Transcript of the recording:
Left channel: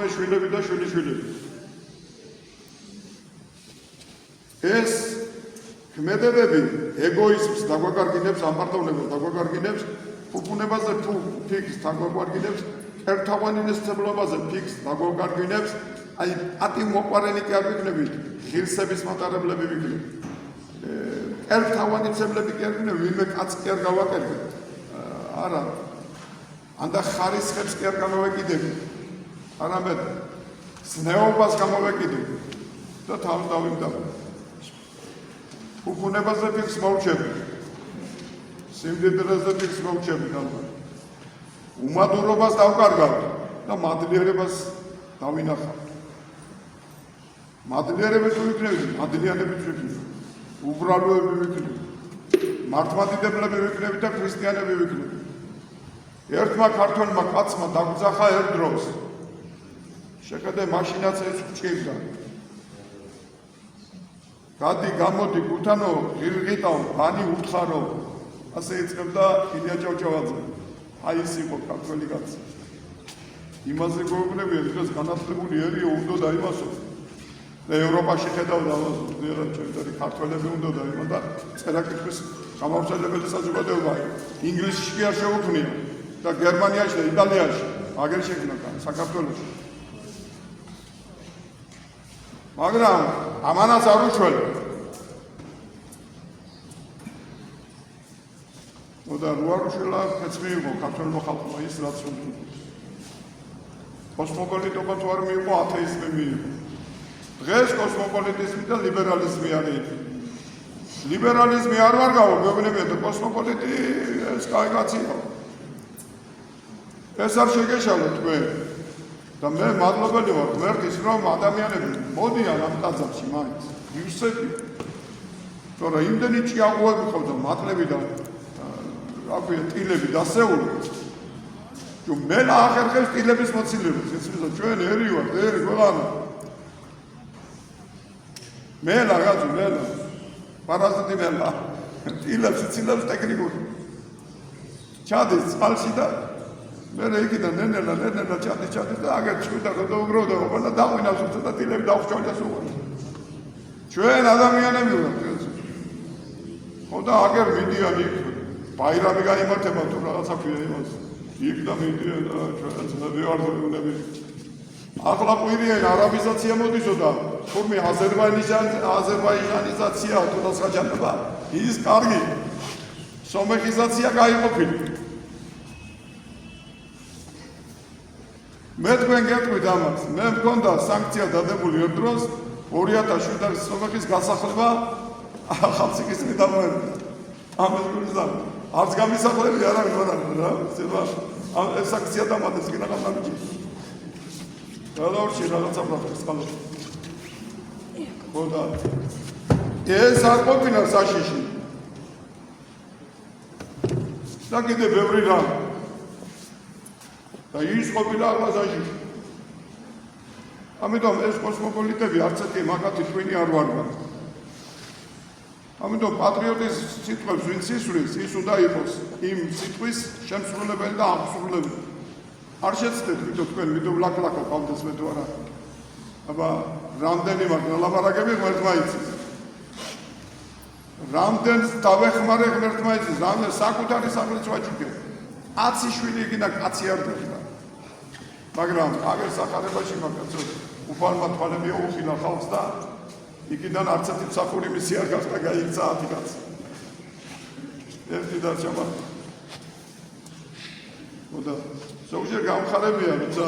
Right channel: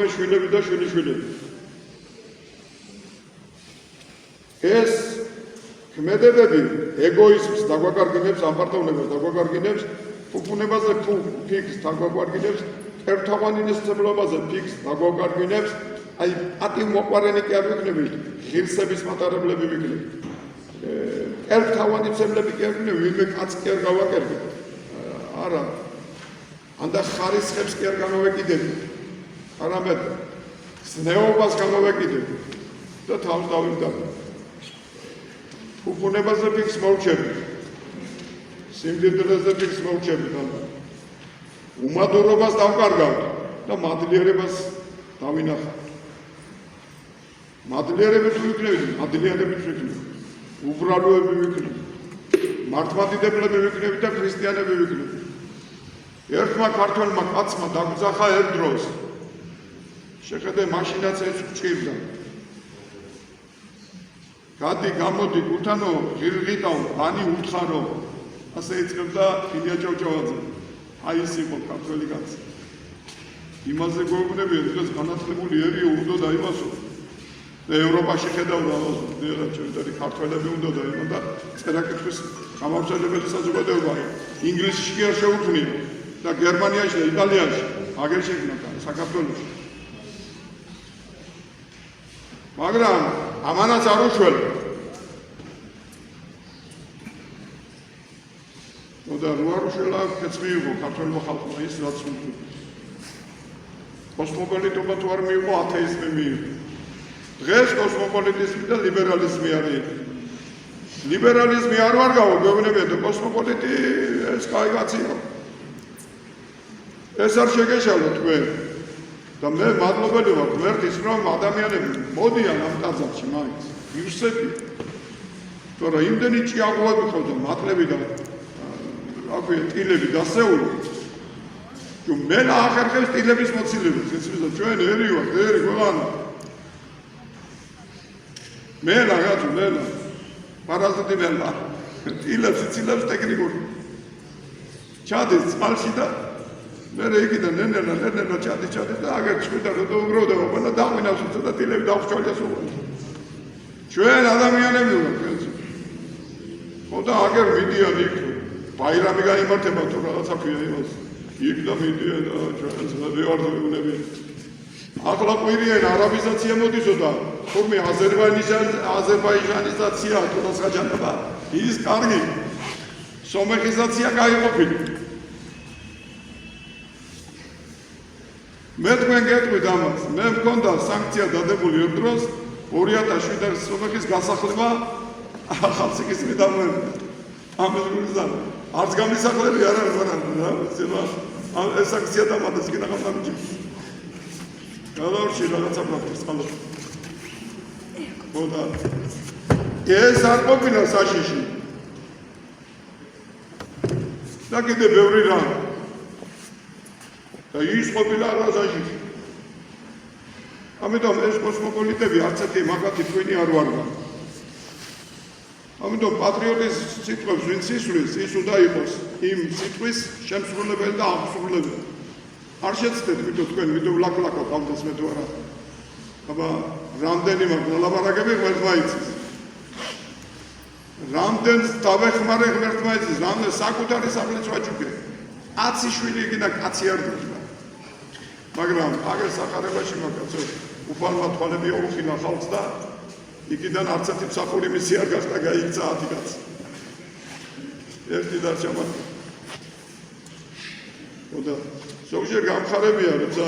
თორმეტ შვილები და შვილიშვილები. ეს ქმედებები ეგოიზმს დაგვაკარგინებს, ამპარტოვნებას დაგვაკარგინებს, ფუფუნებაზე ფიქს დაგვაკარგინებს, ერთთაგვანინისმცემლობაზე ფიქს დაგვაკარგინებს, აი პატიმოყვარენი კი არ ვიქნებით, ღირსების მატარებლები ვიქნებით. ერთთაგვანიცემლები კი არ ვიქნებით, ვინმე კაცს კი არ გავაკერდებით. არა. ანდა ხარისხებს კი არ გამოვეკიდებით. არამედ ზნეობას გამოვეკიდებით და თავს დავიმტაბეთ. ფუფუნებაზე ფიქს მოვჩებით. სიმდიდრეზე ფიქს მოვჩებით ამბობ. უმადურობას დავკარგავთ და მადლიერებას დავინახავთ. მადლიერები თუ ვიქნებით, მადლიანებიც ვიქნებით. უბრალოები ვიქნებით. მართლმადიდებლები ვიქნებით და ქრისტიანები ვიქნებით. ერთმა ქართველმა კაცმა დაგძახა ერთ დროს. შეხედე მაშინაც ეს ჭირდა. გადი გამოდი გუთანო ღირღიტავ ბანი უთხარო ასე ეწევდა ილია ჭავჭავაძე. აი ეს იყო ქართველი კაცი. იმაზე გვეუბნებიან დღეს განათლებული ერია უნდა დაიმასო. და ევროპაში ხედავდა ძირითადად ქართველები უნდა დაიმო და წერა-კითხვის გამავრცელებელი საზოგადოება ინგლისში კი არ შეუქმნია და გერმანიაში და იტალიაში აგერ შექმნა საქართველოში. მაგრამ ამანაც არ უშველა. და რო არ უშველა ხეც მიიღო ქართველმა ხალხმა ის რაც უნდა. კოსმოპოლიტობა თუ არ მიიღო ათეიზმი მიიღო. დღეს კოსმოპოლიტიზმი და ლიბერალიზმი არის. ლიბერალიზმი არ ვარ გავა მეუბნებია და კოსმოპოლიტი ეს კაი კაცია. ეს არ შეგეშალო თქვენ. და მე მადლობელი ვარ ღმერთის რომ ადამიანები მოდიან ამ ტაძარში მაინც. ივსებია. თორე იმდენი ჭიაღუები ხავდა მატლები და აქვე ტილები დასეული. თუ მე ახერხებს ტილების მოცილებას, იცით ჩვენ ერი ვარ, ერი გვეღანა. მე რაღაცა მე პარაზიტი მელა. ტილებს იცილებს ტექნიკურ. ჩადის წყალში და მე იქიდან ნენელა ჩადის და აგერ წვიდა რომ დაუგროვდა ყველა დავინავს და ტილები დავხჭალეს უყო. ჩვენ ადამიანები ვართ. ხო და აგერ მიდიან იქ ბაირამი გაიმართება თუ რაღაცა ქვია იმას. იქ და მიდიან და ჩვენ ძმები ვართ უნები. ახლა ყვირიან არაბიზაცია მოდისო და თურმე აზერბაიჯანიზაცია თუ რაღაცა ის კარგი. სომეხიზაცია გაიყოფილი. მე თქვენ გეტყვით ამას. მე მქონდა სანქცია დადებული ერთ დროს 2007 სლოვაკიის გასახლება ახალციხის მიდამოებდა. ამას გულზარ. არც გამისახლები არ არის რა. ეს სანქცია დამატეს კი რაღაც ამიჯი. გადავრჩი რაღაცა პროფესორს ყალო. ხოდა ეს არ ყოფილა საშიში. და კიდე ბევრი რამ. და ის ყოფილა აღაზაში. ამიტომ ეს კოსმოპოლიტები არც ერთი მაგათი თქვენი არ ვარგან. ამიტომ პატრიოტის სიტყვებს ვინც ისვრის, ის უნდა იყოს იმ სიტყვის შემსრულებელი და აღსრულებელი. არ შეცდეთ ვიდრე თქვენ ვიდრე ლაკლაკო გავდეს მე თუ არა. აბა რამდენი მაგ ლაბარაკები ღმერთმა იცის. რამდენს დავეხმარე ღმერთმა იცის, რამდენ საკუთარი სახლიც ვაჭუქე. 10 შვილი იქნა კაცი არ დაშლა. მაგრამ აგერ სახარებაში მაგაცო უფალმა თვალები აუხილა ხალხს და იქიდან არც ერთი მსახური მისი არ გახდა გაიქცა 10 კაცი. ერთი დარჩა მათ. ხოდა ზოგჯერ გამხარებია როცა